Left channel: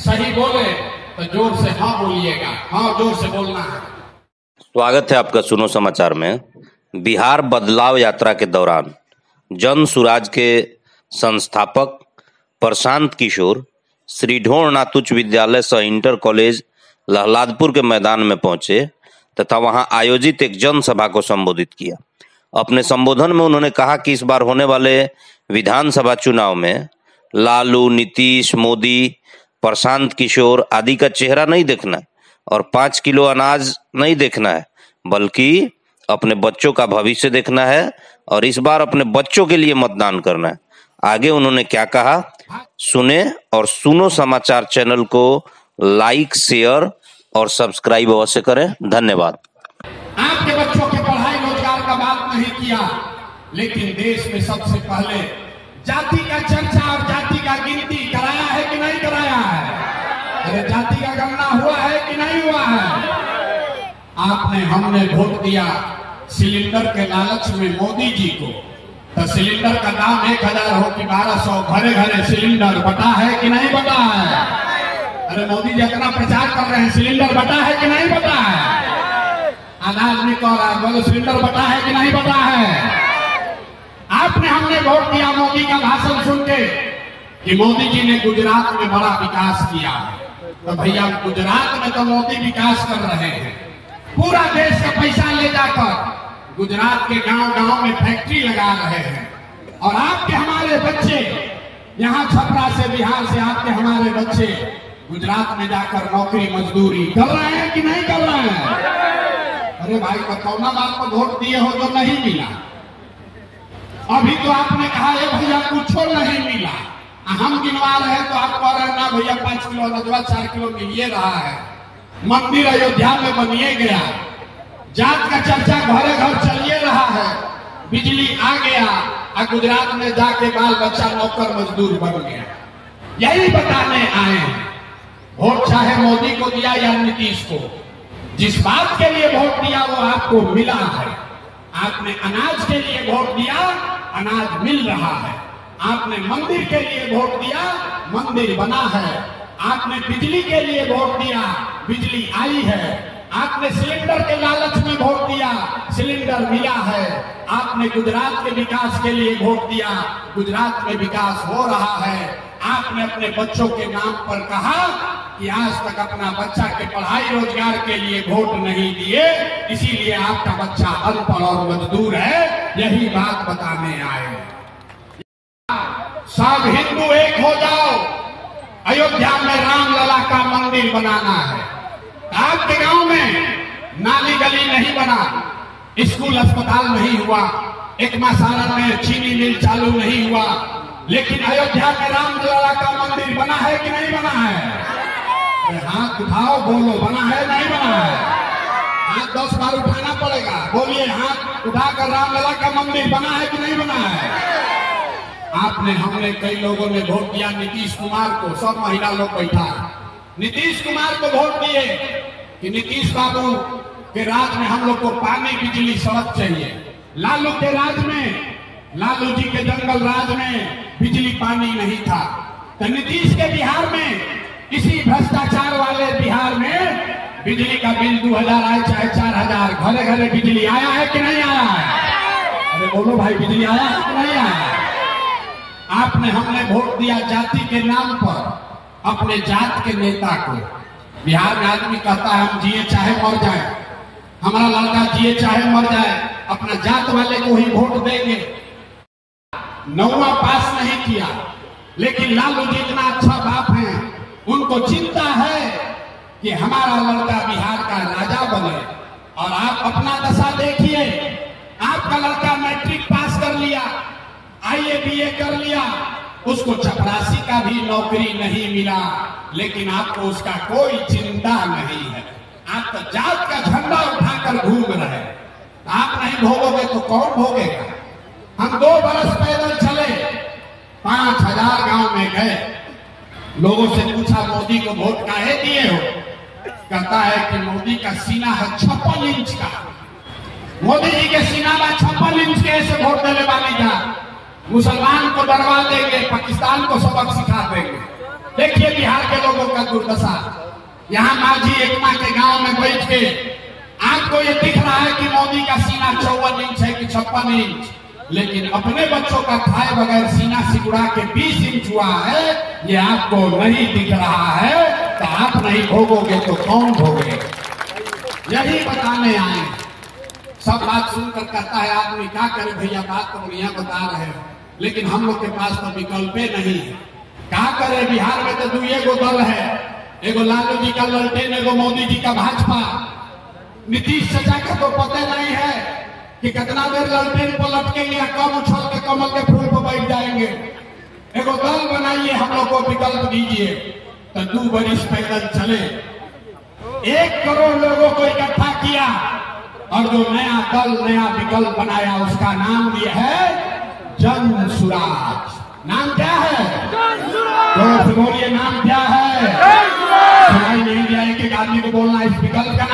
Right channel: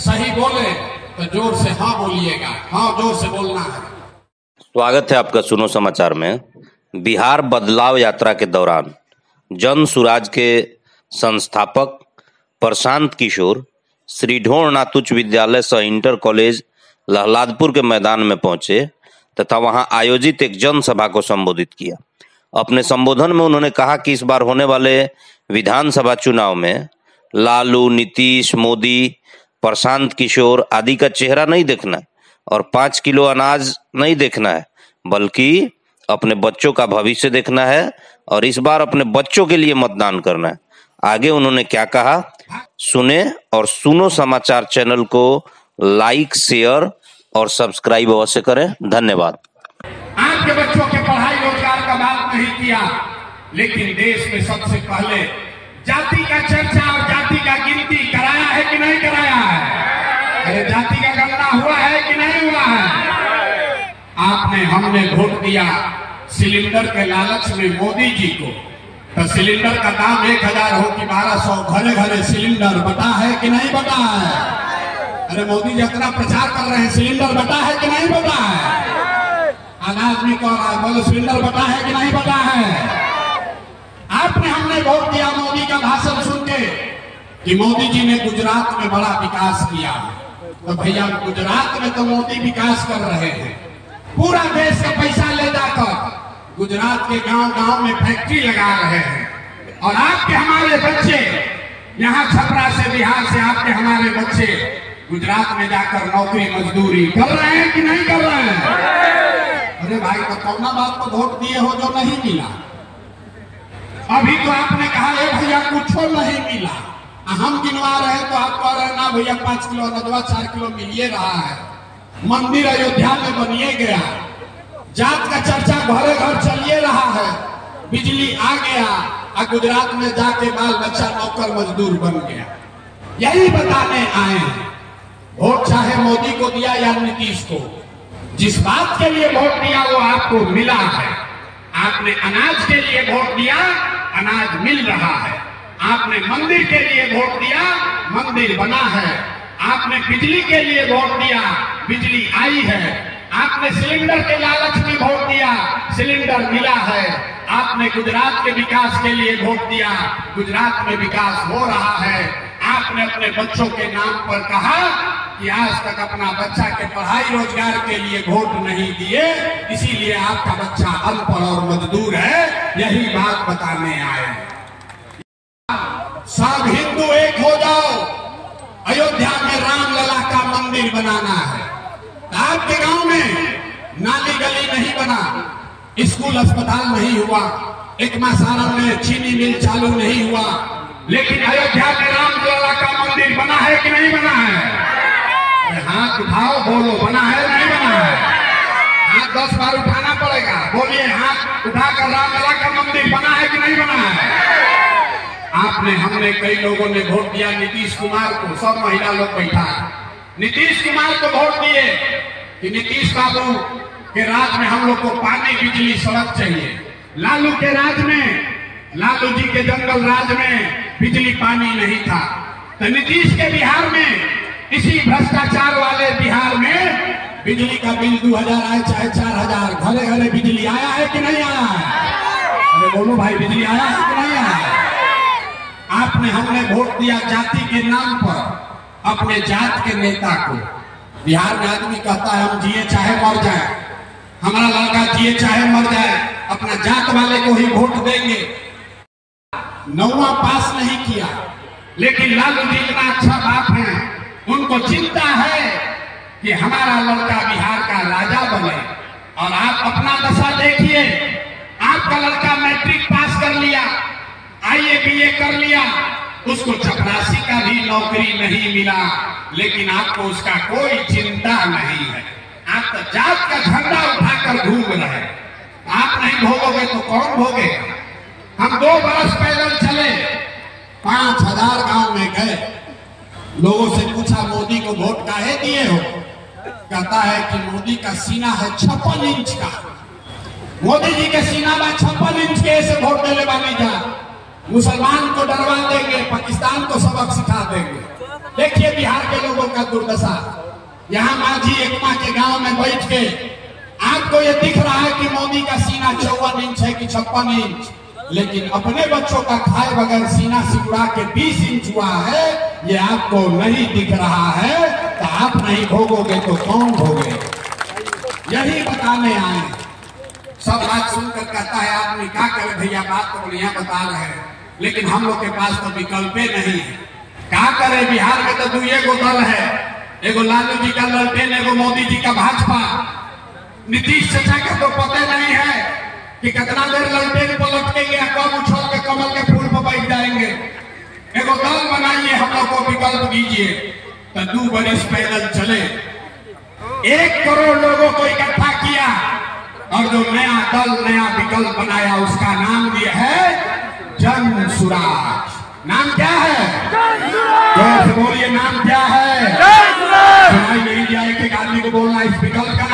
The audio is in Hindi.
सही बोले तो जोर से हाँ बोलिएगा, हाँ जोर से बोलना है। स्वागत है आपका सुनो समाचार में। बिहार बदलाव यात्रा के दौरान जन सुराज के संस्थापक प्रशांत किशोर श्री ढोरनाथ उच्च विद्यालय सह इंटर कॉलेज लहलादपुर के मैदान में पहुंचे तथा वहां आयोजित एक जनसभा को संबोधित किया। अपने संबोधन में उन्होंने कहा कि इस बार होने वाले विधानसभा चुनाव में लालू, नीतीश, मोदी, प्रशांत किशोर आदि का चेहरा नहीं देखना है और 5 किलो अनाज नहीं देखना है, बल्कि अपने बच्चों का भविष्य देखना है और इस बार अपने बच्चों के लिए मतदान करना है। आगे उन्होंने क्या कहा, सुने और सुनो समाचार चैनल को लाइक, शेयर और सब्सक्राइब अवश्य करें। धन्यवाद। आपके बच्चों के पढ़ाई रोजगार का बात नहीं किया, लेकिन देश में सबसे पहले जाति का चर्चा और जाति का गिनती कराया है कि नहीं कराया है? अरे जाति का गणना हुआ है कि नहीं हुआ है? आपने हमने वोट दिया सिलेंडर के लालच में मोदी जी को, तो सिलेंडर का दाम 1000 हो कि 1200, घरे घरे सिलेंडर बटा है कि नहीं बटा है? अरे मोदी जी अपना प्रचार कर रहे हैं, सिलेंडर बटा है कि नहीं बटा है? अनाज में कह रहा है, बोलो सिलेंडर बटा है कि नहीं बटा है? आपने हमने वोट दिया मोदी का भाषण सुन के कि मोदी जी ने गुजरात में बड़ा विकास किया है। तो भैया गुजरात में तो मोदी विकास कर रहे हैं, पूरा देश का पैसा ले जाकर गुजरात के गांव-गांव में फैक्ट्री लगा रहे हैं। और आपके हमारे बच्चे यहाँ छपरा से, बिहार से आपके हमारे बच्चे गुजरात में जाकर नौकरी मजदूरी कर रहे हैं कि नहीं कर रहे हैं? अरे भाई तो कौना बात पर वोट दिए हो जो नहीं मिला? अभी तो आपने कहा है भैया कुछ नहीं मिला, हम गिनवा रहे हैं तो आप कह रहे हैं ना भैया 5 किलो अनदवा 4 किलो मिलिए रहा है। मंदिर अयोध्या में बनिए गया, जात का चर्चा घरे घर चलिए रहा है, बिजली आ गया और गुजरात में जाके बाल बच्चा नौकर मजदूर बन गया। यही बताने आए हैं। वोट चाहे मोदी को दिया या नीतीश को, जिस बात के लिए वोट दिया वो आपको मिला है। आपने अनाज के लिए वोट दिया, अनाज मिल रहा है। आपने मंदिर के लिए वोट दिया, मंदिर बना है। आपने बिजली के लिए वोट दिया, बिजली आई है। आपने सिलेंडर के लालच में वोट दिया, सिलेंडर मिला है। आपने गुजरात के विकास के लिए वोट दिया, गुजरात में विकास हो रहा है। आपने अपने बच्चों के नाम पर कहा कि आज तक अपना बच्चा के पढ़ाई रोजगार के लिए वोट नहीं दिए, इसीलिए आपका बच्चा अनपढ़ और मजदूर है। यही बात बताने आए। सब हिंदू एक हो जाओ, अयोध्या में राम लला का मंदिर बनाना है। आपके गांव में नाली गली नहीं बना, स्कूल अस्पताल नहीं हुआ, एक सारण में चीनी मिल चालू नहीं हुआ, लेकिन अयोध्या में राम लला का मंदिर बना है कि नहीं बना है? हाथ उठाओ, बोलो बना है नहीं बना है? हाथ 10 बार उठाना पड़ेगा, बोलिए हाथ उठाकर राम लला का मंदिर बना है कि नहीं बना है? आपने हमने कई लोगों ने वोट दिया नीतीश कुमार को, सब महिला लोग बैठा है। नीतीश कुमार को वोट दिए कि नीतीश बाबू के राज में हम लोग को पानी, बिजली, सड़क चाहिए। लालू के राज में, लालू जी के जंगल राज में बिजली पानी नहीं था। तो नीतीश के बिहार में, इसी भ्रष्टाचार वाले बिहार में बिजली का बिल 2000 आए चाहे 4000, घरे घरे बिजली आया है कि नहीं आया है? अरे बोलो भाई, बिजली आया है कि नहीं आया है? आपने हमने वोट दिया जाति के नाम पर, अपने जात के नेता को। बिहार में आदमी कहता है हम जिए चाहे मर जाए, हमारा लड़का जिए चाहे मर जाए, अपना जात वाले को ही वोट देंगे। 9वां पास नहीं किया, लेकिन लालू जी इतना अच्छा बाप है, उनको चिंता है कि हमारा लड़का बिहार का राजा बने। और आप अपना दशा देखिए, आपका लड़का मैट्रिक पास कर लिया, IAA BA कर लिया, उसको चपरासी का भी नौकरी नहीं मिला, लेकिन आपको उसका कोई चिंता नहीं है। आप तो जात का झंडा उठाकर घूम रहे हैं। आप नहीं भोगोगे तो कौन भोगेगा? हम 2 बरस पैदल चले, 5000 गांव में गए, लोगों से पूछा मोदी को वोट काहे दिए हो? कहता है कि मोदी का सीना है 56 इंच का, मोदी जी के सीना में 56 इंच के ऐसे वोट देने वाली जा, मुसलमान को डरवा देंगे, पाकिस्तान को सबक सिखा देंगे। देखिए बिहार के लोगों का दुर्दशा। यहाँ माझी एकमा के गांव में बैठ के आपको ये दिख रहा है कि मोदी का सीना 54 इंच है कि 56 इंच, लेकिन अपने बच्चों का खाए बगैर सीना सिकुड़ा के 20 इंच हुआ है, ये आपको नहीं दिख रहा है। तो आप नहीं भोगोगे तो कौन भोगे? यही बताने आए। सब बात सुनकर कहता है आदमी क्या करे भैया, बात तो बढ़िया बता रहे हैं, लेकिन हम लोग के पास तो विकल्प नहीं है। क्या करे? बिहार में तो दुए गो दल है, एगो लालू जी का ललटेन, एगो मोदी जी का भाजपा। नीतीश चाचा के तो पता नहीं है कि कितना देर ललटेन को लटकेंगे, कब उछल के कमल के फूल पर बैठ जाएंगे। एगो दल बनाइए, हम लोग को विकल्प दीजिए। तो 2 बरस पैदल चले, 1 करोड़ लोगों को इकट्ठा किया और जो नया दल नया विकल्प बनाया उसका नाम दिया है जन सुराज। नाम क्या है? जोर से बोलिए, नाम क्या है? सुनाई नहीं दिया, एक आदमी को बोलना इस विकल्प का